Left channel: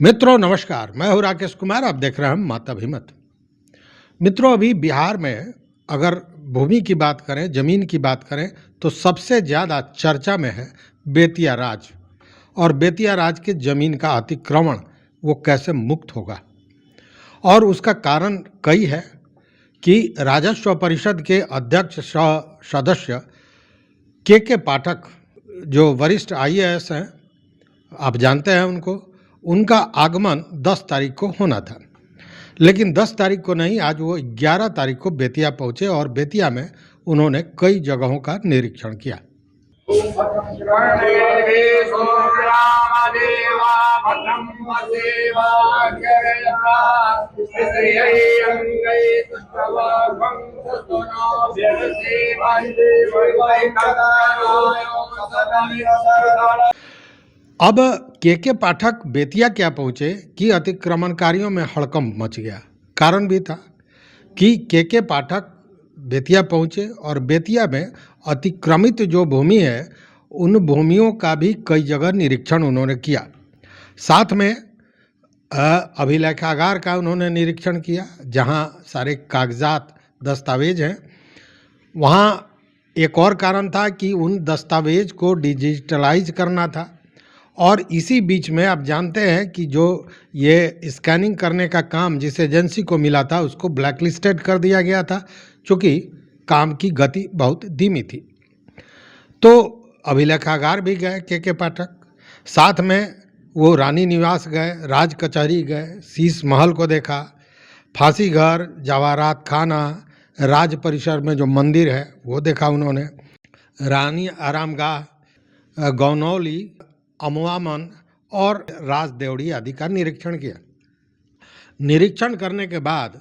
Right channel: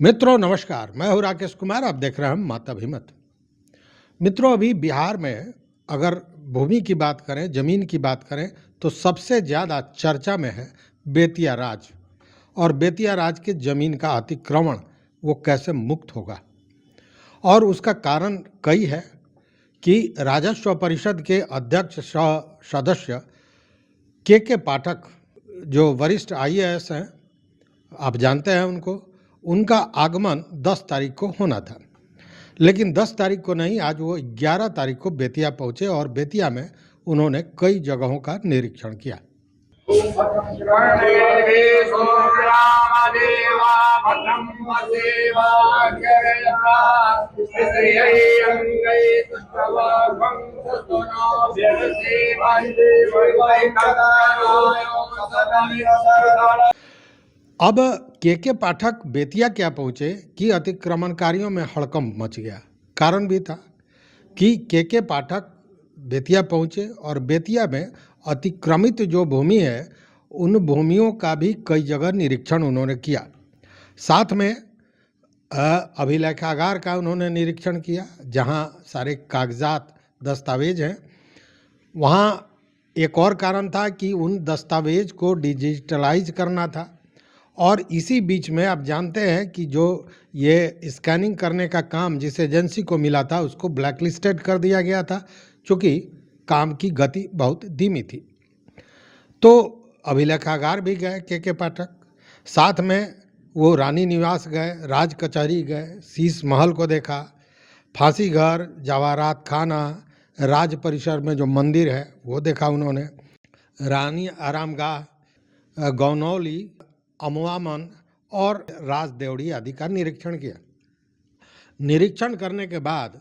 मित्रों नमस्कार, मैं हूं राकेश कुमार। आप देख रहे हैं माता भीमत। मित्रों, अभी बिहार में अगर भूमि की बात करें, जमीन की बात करें, तो सबसे ज़्यादा चर्चा में है बेतिया राज। और बेतिया राज के जमीन का अतिक्रमण वो कैसे मुक्त होगा, और उसका कारण कई है कि राजस्व परिषद के अध्यक्ष सदस्य के पाठक, जो वरिष्ठ आईएएस हैं, आप जानते हैं उनको, उनका आगमन 10 तारीख को होना था। लेकिन 10 तारीख को नहीं, आज वो 11 तारीख को बेतिया पहुंचे और बेतिया में उन्होंने कई जगहों का निरीक्षण किया। अब के पाठक बेतिया क्या पहुंचे कि अतिक्रमणकारियों में हड़कंप मच गया। कारण भी था कि के पाठक बेतिया पहुंचे और बेतिया में अतिक्रमित जो भूमि है, उन भूमियों का भी कई जगह निरीक्षण उन्होंने किया। साथ में अभिलेखागार का उन्होंने निरीक्षण किया, जहां सारे कागजात दस्तावेज हैं। वहां एक और कारण था कि उन दस्तावेज को डिजिटलाइज करना था। और इसी बीच में आप जानते हैं कि जो ये स्कैनिंग करने का काम जिस एजेंसी को मिला था, उसको ब्लैकलिस्टेड कर दिया गया था, क्योंकि काम की गति बहुत धीमी थी। तो अभिलेखागार भी गए के पाठक, साथ में वो रानी निवास गए, राज कचहरी गए, शीश महल को देखा, फांसी घर, जवाहरात खाना, राज परिसर में जो मंदिर है वो देखा उन्होंने, रानी आरामगाह, गौनौली, अमवामन और राजदेवड़ी आदि का निरीक्षण किया। निरीक्षण करने के बाद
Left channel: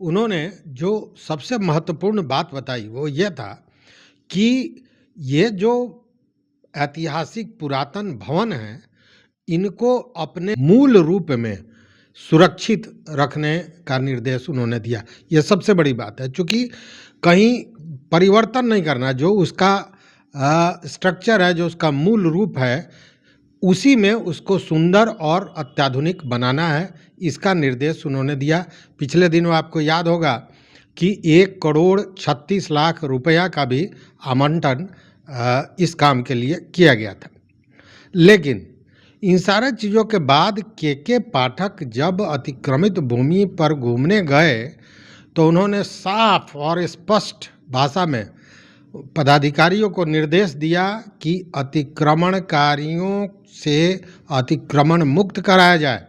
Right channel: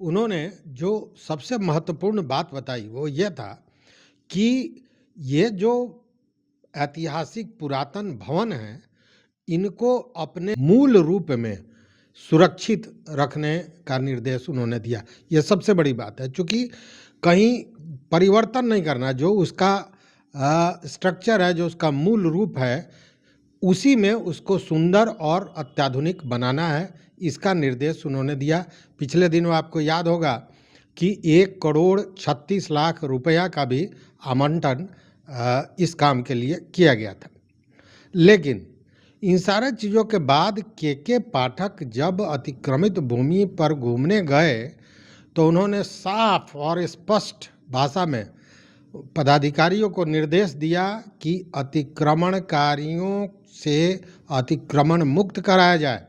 उन्होंने जो सबसे महत्वपूर्ण बात बताई वो ये था कि ये जो ऐतिहासिक पुरातन भवन हैं, इनको अपने मूल रूप में सुरक्षित रखने का निर्देश उन्होंने दिया। ये सबसे बड़ी बात है, क्योंकि कहीं परिवर्तन नहीं करना, जो उसका स्ट्रक्चर है, जो उसका मूल रूप है, उसी में उसको सुंदर और अत्याधुनिक बनाना है। इसका निर्देश उन्होंने दिया। पिछले दिनों आपको याद होगा कि 1,36,00,000 रुपया का भी आवंटन इस काम के लिए किया गया था। लेकिन इन सारे चीज़ों के बाद के पाठक जब अतिक्रमित भूमि पर घूमने गए तो उन्होंने साफ और स्पष्ट भाषा में पदाधिकारियों को निर्देश दिया कि अतिक्रमणकारियों से अतिक्रमण मुक्त कराया जाए।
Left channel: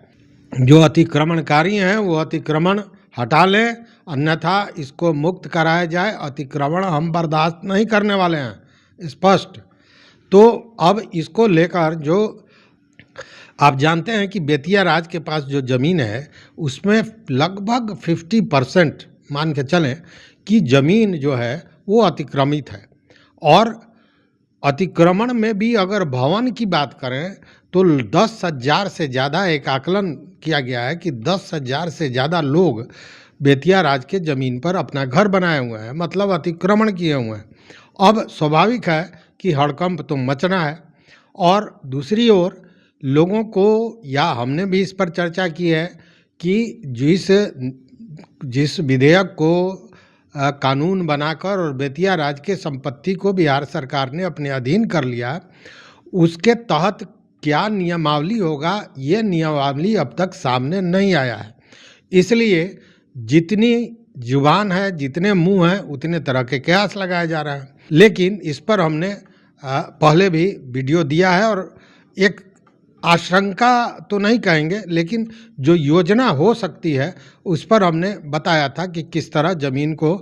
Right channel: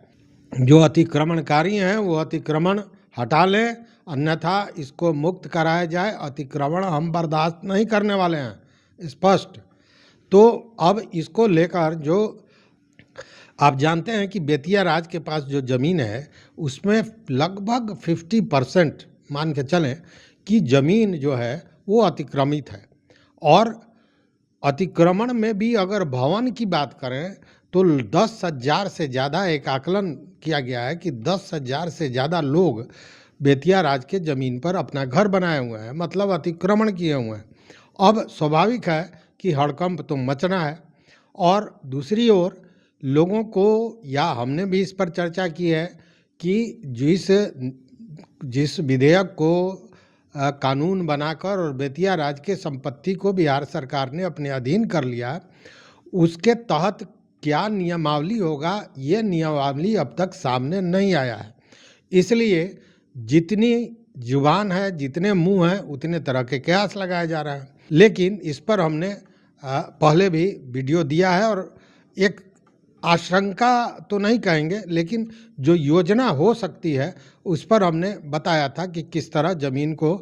जो अतिक्रमणकारी हैं वो अतिक्रमण हटा लें, अन्यथा इसको मुक्त कराया जाए। अतिक्रमण हम बर्दाश्त नहीं करने वाले हैं, स्पष्ट। तो अब इसको लेकर जो आप जानते हैं कि बेतिया राज के पास जो ज़मीन है, उसमें लगभग 50% मान के चलें कि ज़मीन जो है वो अतिक्रमित है। और अतिक्रमण में भी अगर भवन की बात करें तो 10,000 से ज़्यादा, एक आकलन किया गया है कि 10,000 से ज़्यादा लोग बेतिया राज के ज़मीन पर अपना घर बनाए हुए हैं, मतलब अतिक्रमण किए हुए हैं। अब स्वाभाविक है कि हड़कंप तो मचना है। और दूसरी ओर लोगों को, या हमने भी इस पर चर्चा की है कि जिस विधेयक को कानून बनाकर और बेतिया राज के संपत्ति को बिहार सरकार ने अपने अधीन कर लिया, उसके तहत क्या नियमावली होगा, ये नियमावली अब तक सामने नहीं आया है। इसलिए जितनी जुबान है, जितने मुंह हैं, उतने तरह के कयास लगाए जा रहे हैं। लेकिन इस पर हमने पहले भी वीडियो दिया है, और एक आशंका तो नहीं कहेंगे, लेकिन जो योजना हो सकती है उस पर हमने बताया था कि किस तरह ज़मीन को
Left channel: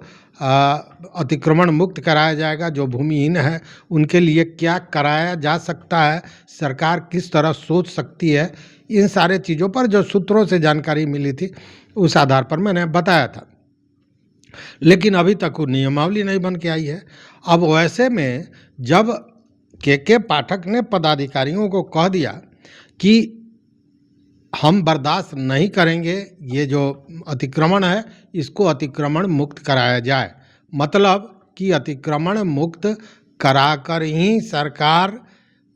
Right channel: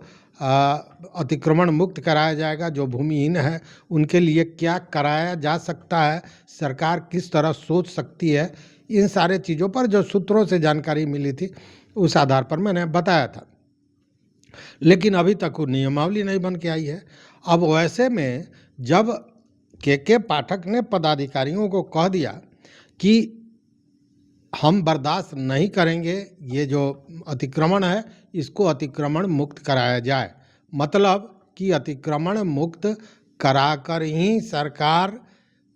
अतिक्रमण मुक्त कराया जाएगा। जो भूमिहीन है उनके लिए क्या कराया जा सकता है, सरकार किस तरह सोच सकती है, इन सारे चीज़ों पर जो सूत्रों से जानकारी मिली थी उस आधार पर मैंने बताया था। लेकिन अभी तक वो नियमावली नहीं बन के आई है। अब वैसे में जब के पाठक ने पदाधिकारियों को कह दिया कि हम बर्दाश्त नहीं करेंगे, ये जो अतिक्रमण है इसको अतिक्रमण मुक्त कराया जाए, मतलब कि अतिक्रमण मुक्त कराकर ही सरकार,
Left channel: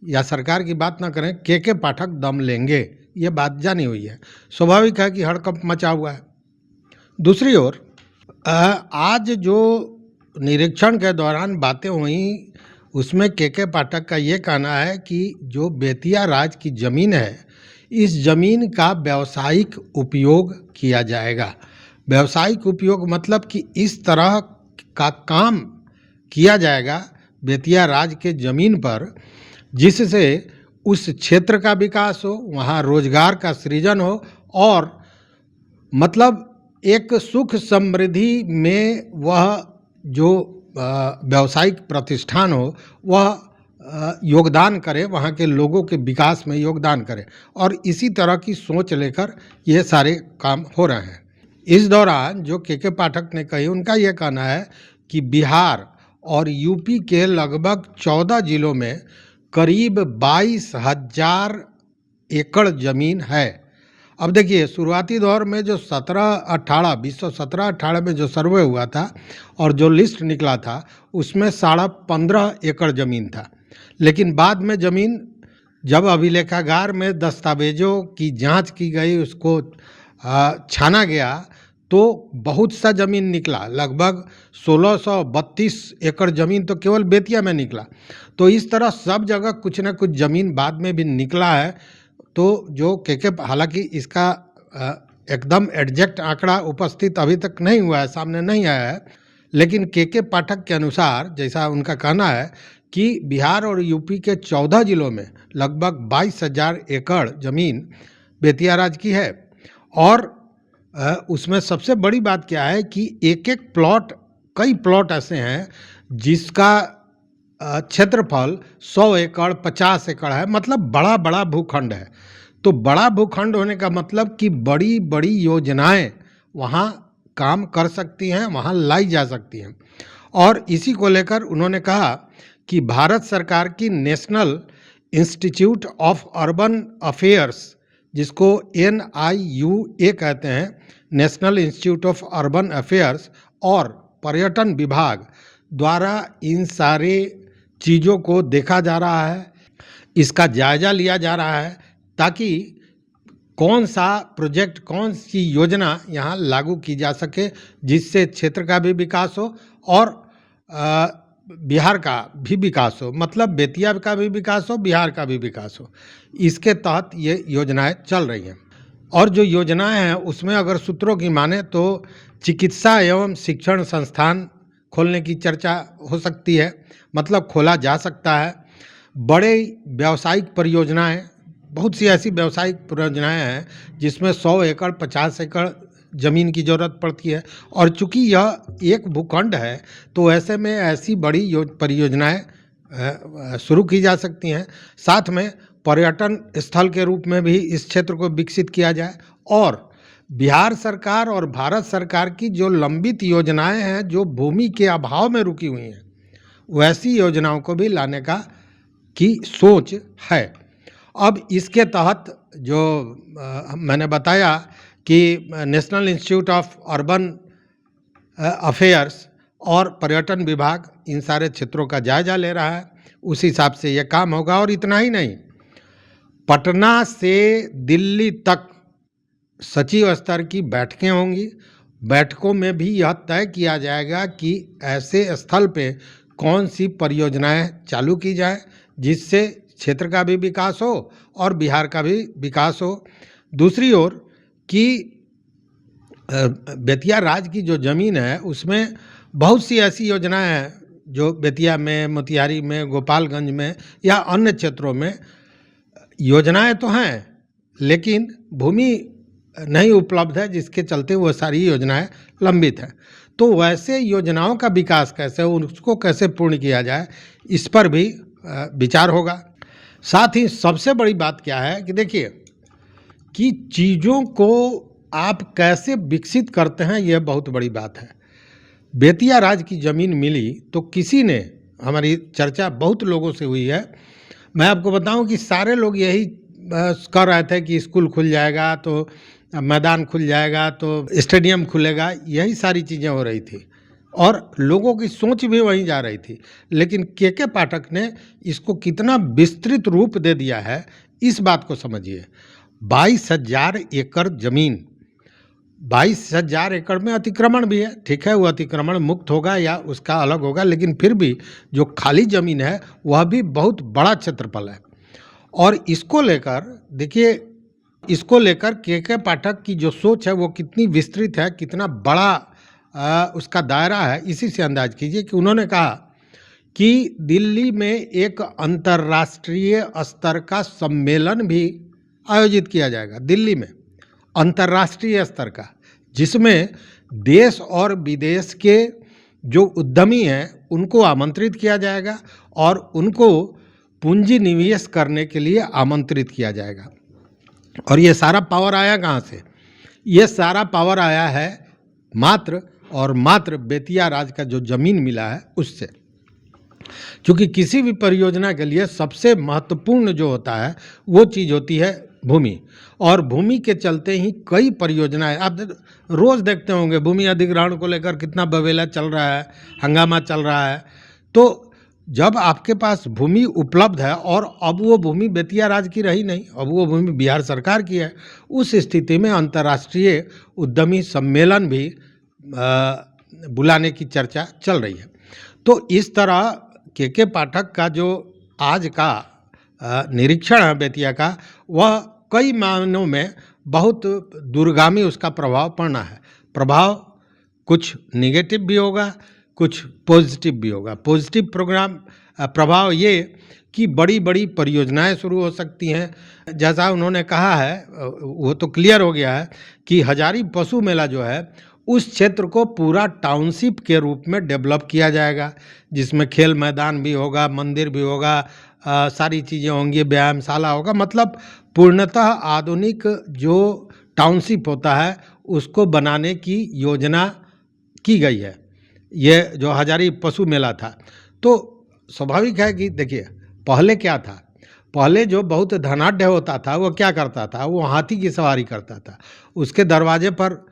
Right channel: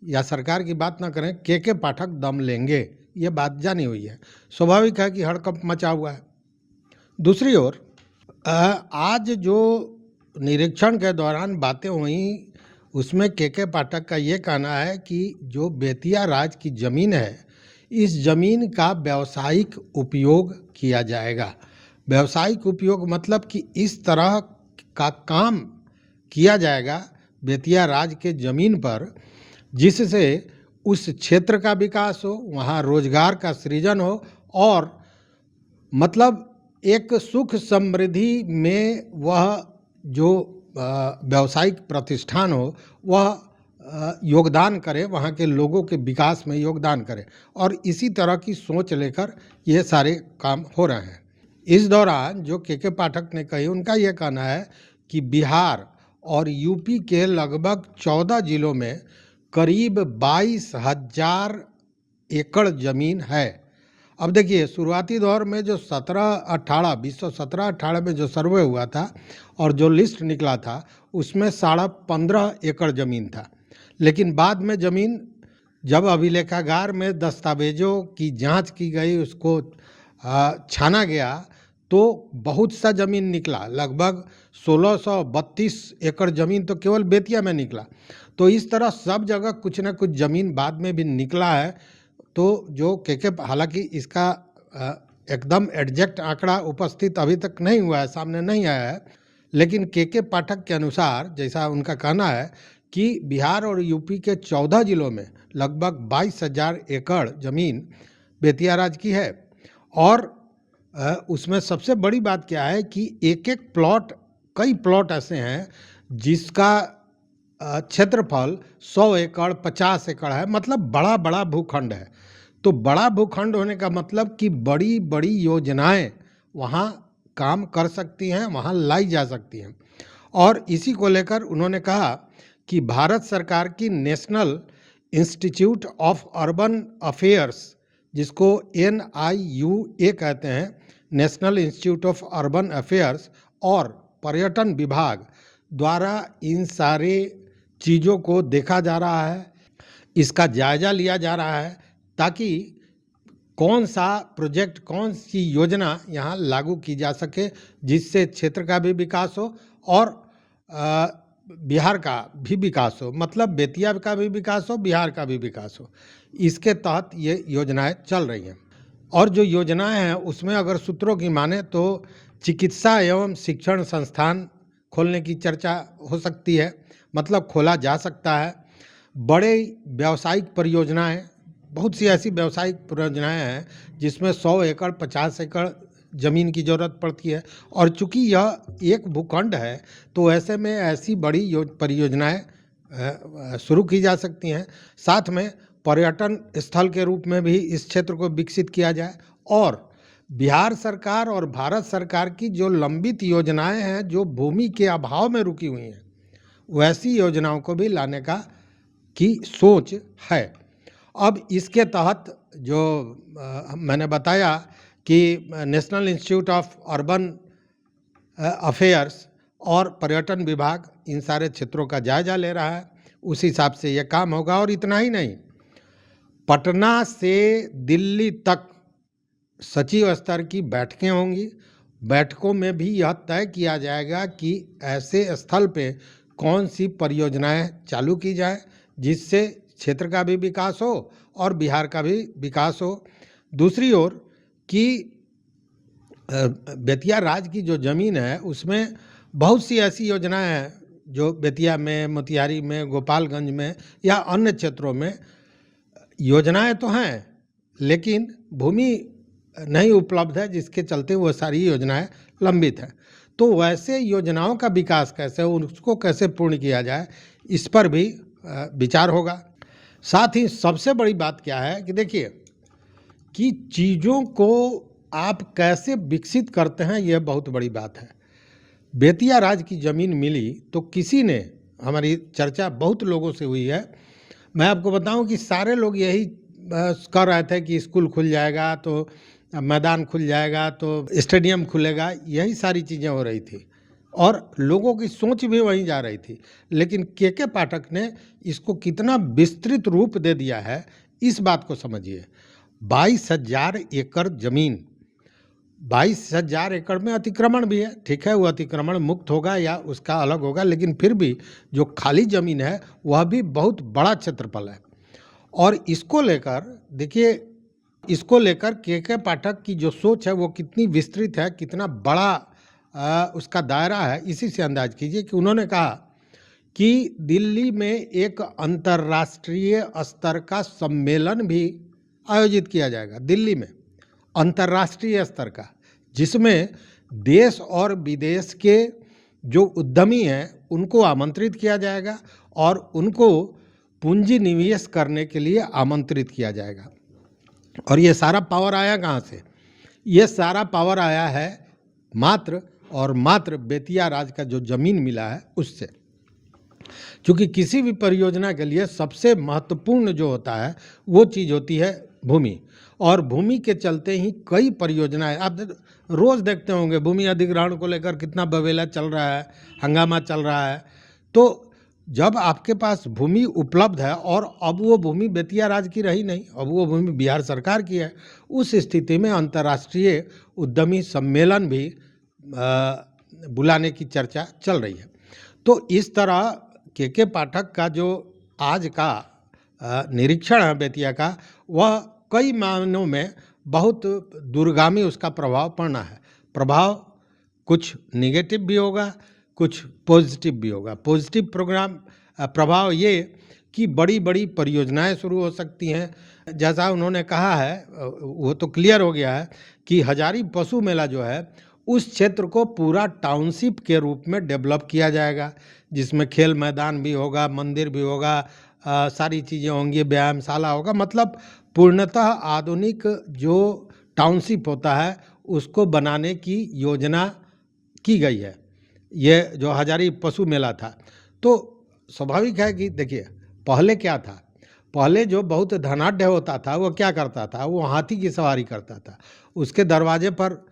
या सरकार की बात ना करें, के पाठक दम लेंगे, ये बात जानी हुई है। स्वाभाविक है कि हड़कंप मचा हुआ है। दूसरी ओर आज जो निरीक्षण के दौरान बातें हुई उसमें के पाठक का ये कहना है कि जो बेतिया राज की ज़मीन है, इस ज़मीन का व्यावसायिक उपयोग किया जाएगा। व्यावसायिक उपयोग मतलब कि इस तरह का काम किया जाएगा बेतिया राज के ज़मीन पर जिससे उस क्षेत्र का विकास हो, वहाँ रोजगार का सृजन हो और मतलब एक सुख समृद्धि में वह जो व्यावसायिक प्रतिष्ठान हो वह योगदान करे, वहाँ के लोगों के विकास में योगदान करे और इसी तरह की सोच लेकर ये सारे काम हो रहे हैं। इस दौरान जो के पाठक ने कही, उनका यह कहना है कि बिहार और यूपी के लगभग 14 जिलों में करीब 22,000 एकड़ ज़मीन है। अब देखिए, शुरुआती दौर में जो 2017-18 में जो सर्वे हुआ था और जो लिस्ट निकला था उसमें 15.5 एकड़ ज़मीन था, लेकिन बाद में ज़मीन जब अभिलेखागार में दस्तावेजों की जांच की गई, उसको छाना गया तो बहुत सा ज़मीन निकला। लगभग 1632 एकड़ ज़मीन तो केवल बेतिया में निकला। तो इस तरह सब जगह कुछ न कुछ ज़मीन बाद में भी निकला है। तो जो के हालांकि इसका एकदम एग्जैक्ट आंकड़ा उपस्थित अभी तक नहीं हुआ है, सामने नहीं आया है, लेकिन के पाठक के अनुसार जैसा उनका कहना है कि बिहार और यूपी के 14 जिलों में लगभग 22,000 एकड़ ज़मीन बेतिया राज की है। और उसमें सबसे बड़ी बात क्या है कि एक एक प्लॉट, कई प्लॉट ऐसे हैं जिसका क्षेत्रफल 100 एकड़ 50 एकड़ है, मतलब बड़ा बड़ा भूखंड है। तो बड़ा भूखंड होने का मतलब कि बड़ी बड़ी योजनाएं वहाँ काम कर सकती हैं, वहाँ लाई जा सकती हैं। और इसी को लेकर उन्होंने कहा कि भारत सरकार की national institute of urban affairs, जिसको NIUA कहते हैं, national institute of urban affairs, और पर्यटन विभाग द्वारा इन सारे चीज़ों को देखा जा रहा है, इसका जायज़ा लिया जा रहा है ताकि कौन सा प्रोजेक्ट, कौन सी योजना यहाँ लागू की जा सके जिससे क्षेत्र का भी विकास हो और बिहार का भी विकास हो, मतलब बेतिया का भी विकास हो, बिहार का भी विकास हो। इसके तहत ये योजनाएं चल रही हैं। और जो योजनाएं हैं उसमें अगर सूत्रों की माने तो चिकित्सा एवं शिक्षण संस्थान खोलने की चर्चा हो सकती है, मतलब खोला जा सकता है। बड़े व्यावसायिक परियोजनाएं, बहुत सी ऐसी व्यावसायिक परियोजनाएं हैं जिसमें 100 एकड़ 50 एकड़ ज़मीन की ज़रूरत पड़ती है और चूंकि यह एक भूखंड है तो ऐसे में ऐसी बड़ी परियोजनाएं शुरू की जा सकती हैं। साथ में पर्यटन स्थल के रूप में भी इस क्षेत्र को विकसित किया जाए और बिहार सरकार और भारत सरकार की जो लंबित योजनाएं हैं जो भूमि के अभाव में रुकी हुई हैं, वैसी योजनाओं को भी लाने की सोच है। अब इसके तहत जो मैंने बताया कि national institute of urban affairs और पर्यटन विभाग इन सारे क्षेत्रों का जायजा ले रहा है, उस हिसाब से ये काम होगा। और इतना ही नहीं, पटना से दिल्ली तक सचिव स्तर की बैठकें होंगी। बैठकों में भी यह तय किया जाएगा कि ऐसे स्थल पे कौन सी परियोजनाएं चालू की जाए जिससे क्षेत्र का भी विकास हो और बिहार का भी विकास हो। दूसरी ओर कि बेतिया राज की जो ज़मीन है उसमें बहुत सी ऐसी योजनाएं हैं जो बेतिया में, मोतिहारी में, गोपालगंज में या अन्य क्षेत्रों में योजनाएं तो हैं लेकिन भूमि नहीं उपलब्ध है, जिसके चलते वो सारी योजनाएं लंबित हैं। तो वैसे योजनाओं का विकास कैसे हो, उसको कैसे पूर्ण किया जाए, इस पर भी विचार होगा। साथ ही सबसे बड़ी बात क्या है कि देखिए कि चीज़ों को आप कैसे विकसित करते हैं, यह बहुत बड़ी बात है। बेतिया राज की ज़मीन मिली तो किसी ने, हमारी चर्चा बहुत लोगों से हुई है, मैं आपको बताऊं कि सारे लोग यही कर रहे थे कि स्कूल खुल जाएगा तो मैदान खुल जाएगा तो स्टेडियम खुलेगा, यही सारी चीज़ें हो रही थी और लोगों की सोच भी वहीं जा रही थी। लेकिन के पाठक ने इसको कितना विस्तृत रूप दे दिया है, इस बात को समझिए। 22,000 एकड़ जमीन, 22,000 एकड़ में अतिक्रमण भी है, ठीक है, वो अतिक्रमण मुक्त होगा या उसका अलग होगा, लेकिन फिर भी जो खाली जमीन है वह भी बहुत बड़ा क्षेत्रफल है। और इसको लेकर देखिए, इसको लेकर के पाठक की जो सोच है वो कितनी विस्तृत है, कितना बड़ा उसका दायरा है, इसी से अंदाज कीजिए कि उन्होंने कहा कि दिल्ली में एक अंतर्राष्ट्रीय स्तर का सम्मेलन भी आयोजित किया जाएगा, दिल्ली में अंतर्राष्ट्रीय स्तर का, जिसमें देश और विदेश के जो उद्यमी हैं उनको आमंत्रित किया जाएगा और उनको पूंजी निवेश करने के लिए आमंत्रित किया जाएगा। और ये सारा पावर आया कहाँ से? ये सारा पावर आया है मात्र और मात्र बेतिया राज का जो जमीन मिला है उससे। क्योंकि किसी भी परियोजना के लिए सबसे महत्वपूर्ण जो होता है वो चीज़ होती है भूमि, और भूमि के चलते ही कई परियोजनाएं आप रोज देखते होंगे, भूमि अधिग्रहण को लेकर कितना बवेला चल रहा है, हंगामा चल रहा है। तो जब आपके पास भूमि उपलब्ध है और अब वो भूमि बेतिया राज की रही नहीं, अब वो भूमि बिहार सरकार की है, उस स्थिति में अंतर्राष्ट्रीय उद्यमी सम्मेलन भी बुलाने की चर्चा चल रही है। तो इस तरह के पाठक का जो आज का निरीक्षण है बेतिया का, वह कई मायनों में बहुत दूरगामी उसका प्रभाव पड़ना है। प्रभाव कुछ निगेटिव भी होगा, कुछ पॉजिटिव भी होगा। पॉजिटिव प्रभाव ये कि बड़ी बड़ी परियोजनाएं शुरू हो सकती हैं, जैसा उन्होंने कहा है वो तो क्लियर हो गया है कि हजारी पशु मेला जो है उस क्षेत्र को पूरा टाउनशिप के रूप में डेवलप किया जाएगा, जिसमें खेल मैदान भी होगा, मंदिर भी होगा, सारी चीज़ें होंगी, व्यायामशाला होगा, मतलब पूर्णतः आधुनिक जो टाउनशिप होता है उसको बनाने की योजना की गई है। ये जो हजारी पशु मेला था, तो स्वाभाविक है कि देखिए पहले क्या था, पहले जो बहुत धनाढ़ होता था वो क्या करता था, वो हाथी की सवारी करता था, उसके दरवाजे पर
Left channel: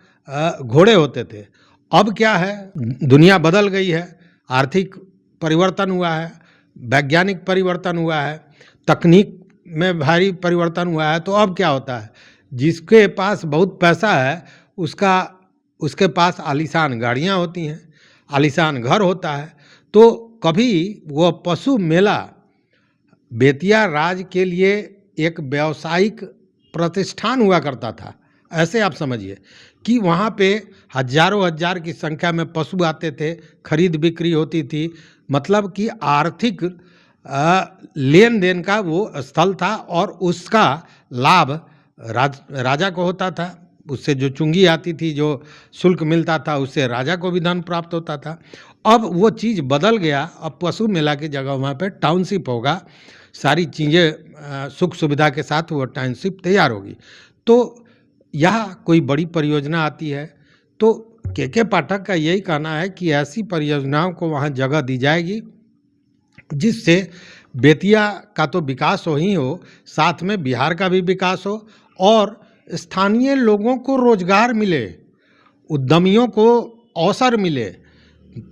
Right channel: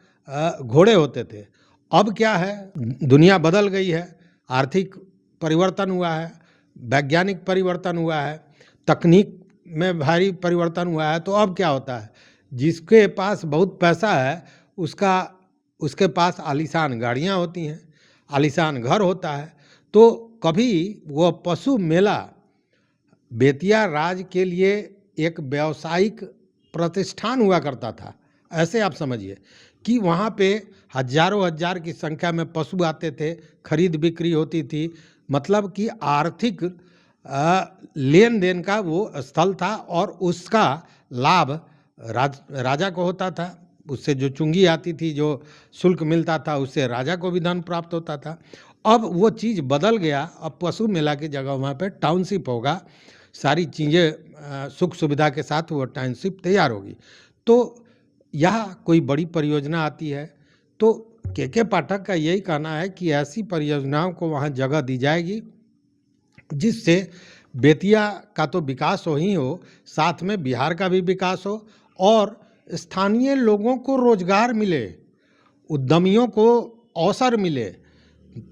घोड़े होते थे। अब क्या है, दुनिया बदल गई है, आर्थिक परिवर्तन हुआ है, वैज्ञानिक परिवर्तन हुआ है, तकनीक में भारी परिवर्तन हुआ है। तो अब क्या होता है, जिसके पास बहुत पैसा है उसके पास आलीशान गाड़ियां होती हैं, आलीशान घर होता है। तो कभी वो पशु मेला बेतिया राज के लिए एक व्यावसायिक प्रतिष्ठान हुआ करता था, ऐसे आप समझिए कि वहाँ पे हजारों हजार की संख्या में पशु आते थे, खरीद बिक्री होती थी, मतलब कि आर्थिक लेन देन का वो स्थल था और उसका लाभ राजा को होता था। उससे जो चुंगी आती थी, जो शुल्क मिलता था, उससे राजा को भी धन प्राप्त होता था। अब वो चीज़ बदल गया, अब पशु मेला की जगह वहाँ पे टाउनशिप होगा, सारी चीज़ें सुख सुविधा के साथ वो टाउनशिप तैयार होगी। तो यह कोई बड़ी परियोजना आती है तो के पाठक का यही कहना है कि ऐसी परियोजनाओं को वहाँ जगह दी जाएगी जिससे बेतिया का तो विकास हो ही हो, साथ में बिहार का भी विकास हो और स्थानीय लोगों को रोजगार मिले, उद्यमियों को अवसर मिले।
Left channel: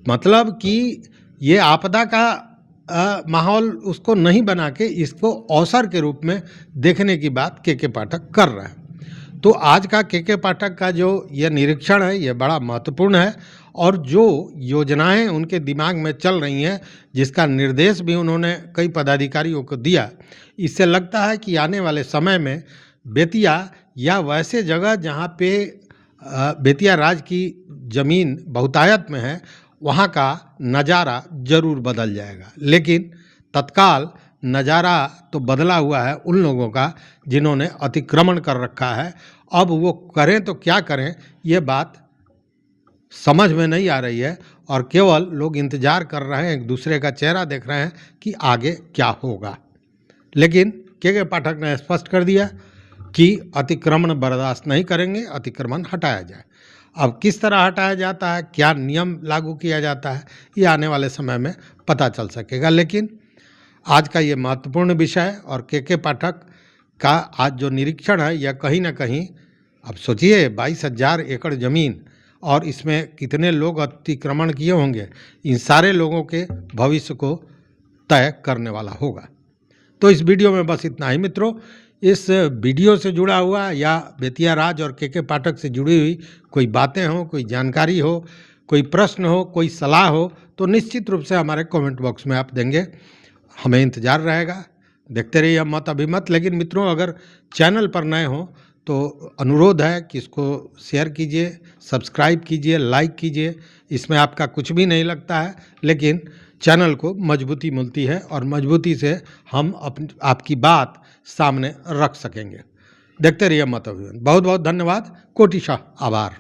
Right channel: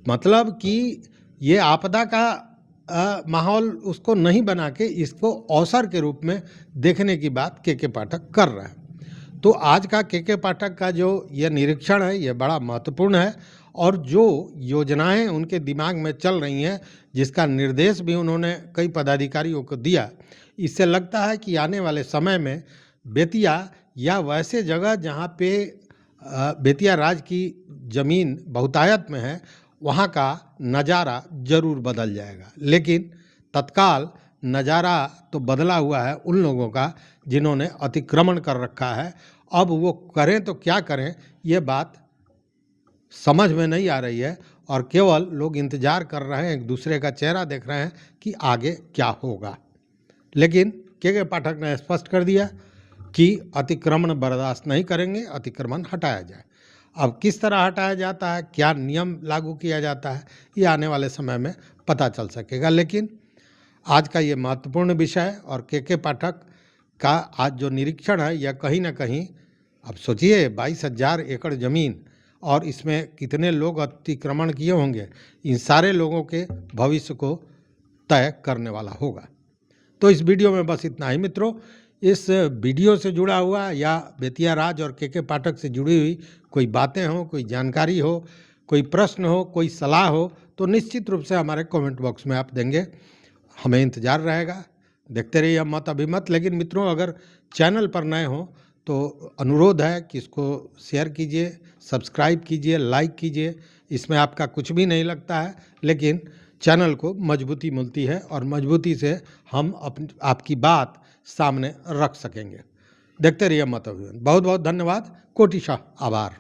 मतलब कि ये आपदा का माहौल उसको नहीं बना के इसको अवसर के रूप में देखने की बात के पाठक कर रहे हैं। तो आज का के पाठक का जो ये निरीक्षण है ये बड़ा महत्वपूर्ण है, और जो योजनाएं उनके दिमाग में चल रही हैं, जिसका निर्देश भी उन्होंने कई पदाधिकारियों को दिया, इससे लगता है कि आने वाले समय में बेतिया या वैसे जगह जहां पे बेतिया राज की ज़मीन बहुतायत में है, वहाँ का नज़ारा ज़रूर बदल जाएगा। लेकिन तत्काल नज़ारा तो बदला हुआ है उन लोगों का जिन्होंने अतिक्रमण कर रखा है। अब वो करें तो क्या करें, ये बात समझ में नहीं आ रही है और केवल लोग इंतज़ार कर रहे हैं, एक दूसरे का चेहरा देख रहे हैं कि आगे क्या होगा। लेकिन के पाठक ने स्पष्ट कर दिया कि अतिक्रमण बर्दाश्त नहीं करेंगे, अतिक्रमण हटाया जाए। अब किस तरह हटाया जाता है, क्या नियम लागू किया जाता है, ये आने वाले समय में पता चल सकेगा। लेकिन आज का ये महत्वपूर्ण विषय और के पाठक का आज जो निरीक्षण है यह कहीं ना कहीं, अब सोचिए 22,000 एकड़ ज़मीन और इसमें कितने लोग अतिक्रमण किए होंगे, इन सारे लोगों के भविष्य को तय करने वाला होगा। तो इस वीडियो में बस इतना ही मित्रों। इस वीडियो से जुड़ा हुआ या बेतिया राज और के पाठक से जुड़ी हुई कोई बातें हो, कोई जानकारी हो, कोई प्रश्न हो, कोई सलाह हो, तो निश्चित रूप से हमारे कमेंट बॉक्स में आप देंगे। हमें इंतज़ार रहेगा। देखते रहिए हम मत अभिमत। लेकिन मित्रों, अगर चैनल पर नए हो तो अनुरोध है कि इसको शेयर कीजिए, सब्सक्राइब कीजिए, लाइक कीजिए। इसमें आपका कुछ भी नहीं लगता है, लेकिन चैनल को मजबूती मिलती है और मजबूती से हम आपकी बात सामने रख सकेंगे। देखते रहिए मत अभिमत। बहुत बहुत धन्यवाद। कोटिशाह आभार।